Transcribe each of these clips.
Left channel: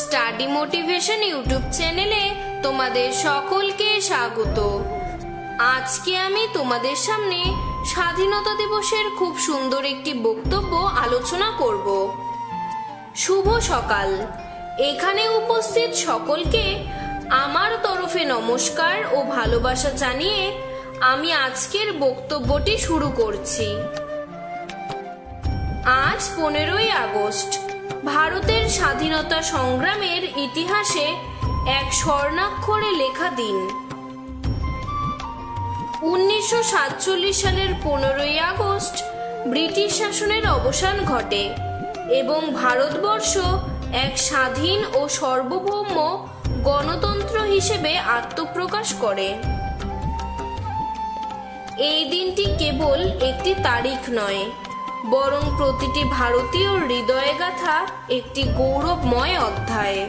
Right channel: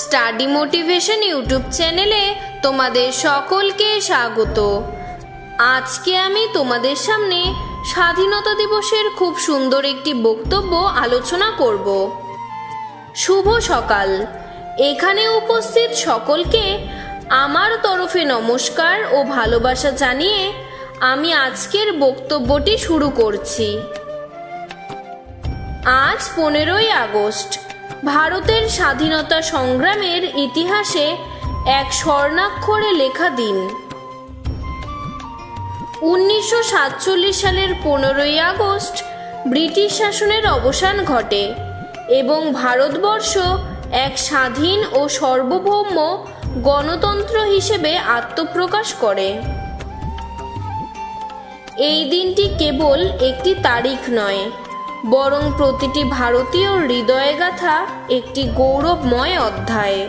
Study motivation YouTube চ্যানেলে তোমাদের সকলকে স্বাগত। আজকে আমি তোমাদের সামনে স্বাধীনতা দিবসের খুব সুন্দর একটি বক্তব্য আলোচনা করব। শুভ সকাল। এখানে উপস্থিত সকলকে আমার তরফে নমস্কার ও ভালোবাসা জানিয়ে আমি আজকের বক্তব্যটি শুরু করছি। আজ 15ই আগস্ট, ভারতের স্বাধীনতা সংগ্রামের ইতিহাসে এক স্বর্ণাক্ষরে লেখা দিন। 1947 সালের 15ই আগস্ট ব্রিটিশ শাসনের অবসান ঘটে এবং ভারতবর্ষ এক স্বাধীন ও সার্বভৌম গণতন্ত্র হিসেবে আত্মপ্রকাশ করে। এই দিনটি কেবল একটি তারিখ নয়, বরং প্রতিটি ভারতীয় হৃদয়ে গাথা একটি গৌরবময় অধ্যায়।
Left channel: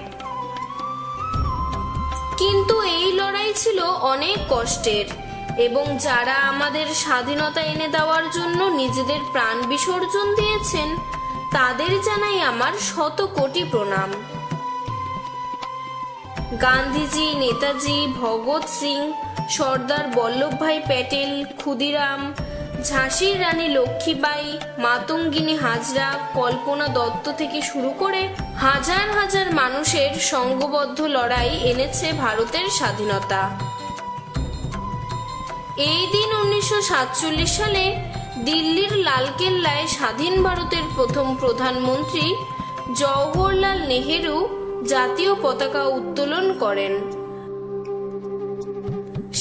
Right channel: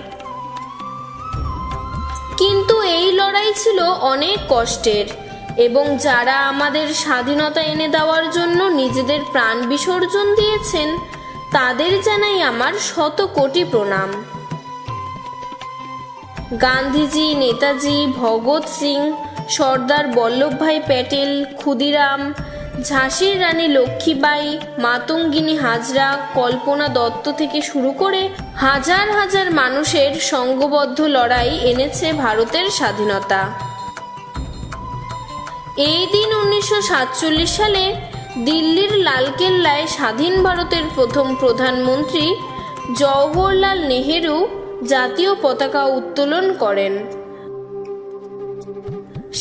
কিন্তু এই লড়াই ছিল অনেক কষ্টের এবং যারা আমাদের স্বাধীনতা এনে দেওয়ার জন্য নিজেদের প্রাণ বিসর্জন দিয়েছেন তাদের জানাই আমার শত কোটি প্রণাম। গান্ধীজি, নেতাজি, ভগৎ সিং, সর্দার বল্লভভাই প্যাটেল, ক্ষুদিরাম, ঝাঁসির রানী লক্ষ্মীবাই, মাতঙ্গিনী হাজরা, কল্পনা দত্ত থেকে শুরু করে হাজার হাজার মানুষের সংঘবদ্ধ লড়াই এনেছে ভারতের স্বাধীনতা। এই দিন 1947 সালে দিল্লির লালকেল্লায় স্বাধীন ভারতের প্রথম প্রধানমন্ত্রী জওহরলাল নেহেরু জাতীয় পতাকা উত্তোলন করেন।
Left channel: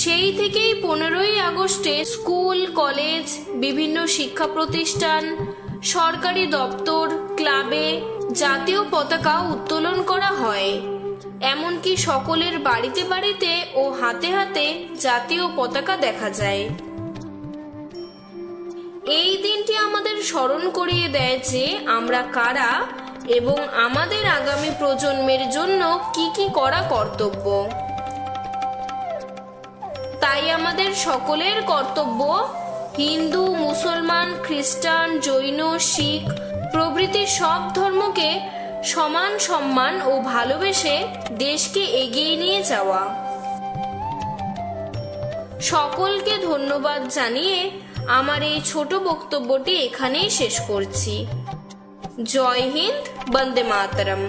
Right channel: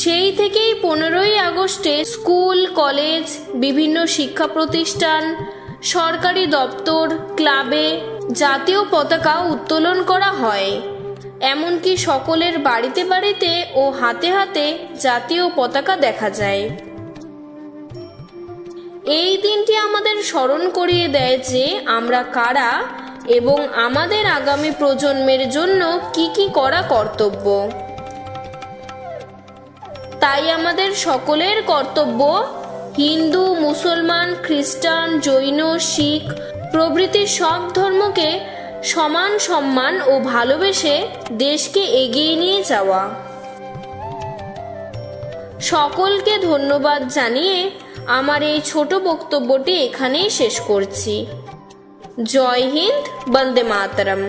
সেই থেকেই 15ই আগস্টে স্কুল, কলেজ, বিভিন্ন শিক্ষা প্রতিষ্ঠান, সরকারি দপ্তর, ক্লাবে জাতীয় পতাকা উত্তোলন করা হয়। এমনকি সকলের বাড়িতে বাড়িতে ও হাতে হাতে জাতীয় পতাকা দেখা যায়। এই দিনটি আমাদের স্মরণ করিয়ে দেয় যে আমরা কারা এবং আমাদের আগামী প্রজন্মের জন্য কি কি করা কর্তব্য। তাই আমাদের সকলের কর্তব্য হিন্দু, মুসলমান, খ্রিস্টান, জৈন, শিখ প্রভৃতি সব ধর্মকে সমান সম্মান ও ভালোবেসে দেশকে এগিয়ে নিয়ে যাওয়া। সকলকে ধন্যবাদ জানিয়ে আমার এই ছোট বক্তব্যটি এখানেই শেষ করছি। জয় হিন্দ, বন্দে মাতরম।